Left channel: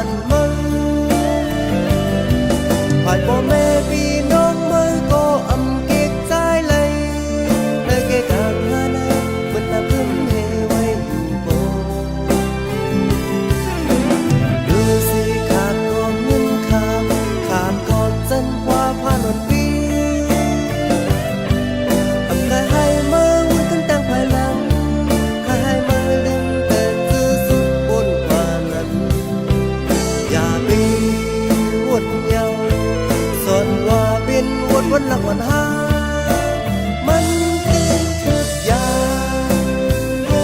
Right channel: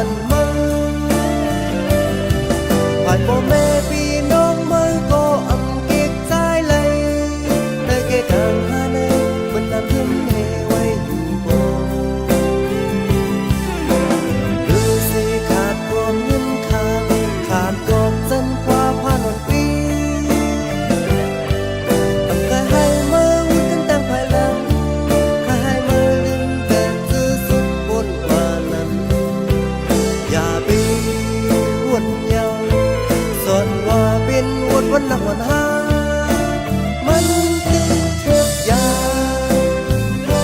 วันมือผ่านพ่อแม่พี่น้องมือก็อำเก็กใจเลยในเกกางหาในมันนำขึ้นเฮไว้อยู่บ่หรือสิขาดกอบเงินคำขาดกอบจันทร์ว่าผ่านวันปีอำกายให้มือวุ่นกันตั้งภายหลังให้มือลืมแต่จื้อสุดบนกว่านั้นอย่าไปวนเยาสอนว่าเป็นวันหนักวันหามันกินทุกอย่างโอ้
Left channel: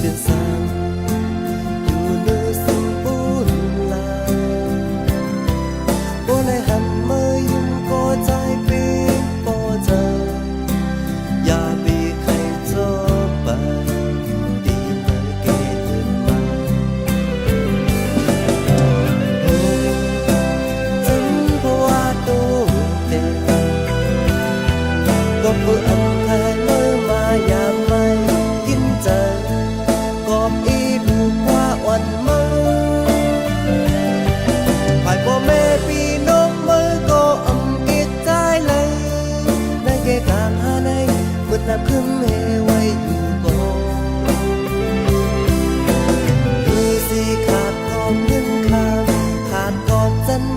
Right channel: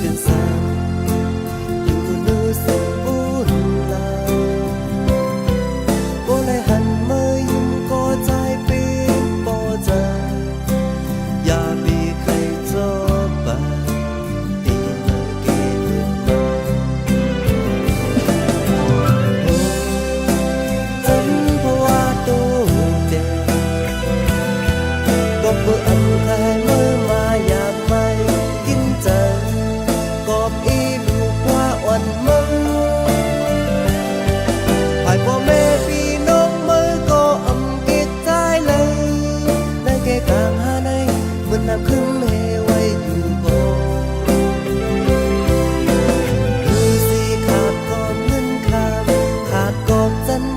เป็นแสงอยู่เนื้อสิ่งบุญลาโบเลยหันมือยิ้มก็ใจเป็นปอเจออย่าบีใครจบไปดีเมื่อเกเดินมาโอ้ฉันเพราะว่าตัวเดียวก็เพื่ออำใครมือมาอย่าไม่กินใจกอบอีดูกว่าวันมือฝ่ายพ่อแม่พี่น้องมือก็อำเก็บใจเลยในแก่กลางหาในเหมือนน้ำขึ้นเฮไว้อยู่บ่หรือสิขาดกอบเงินคำขาดกอบจันทร์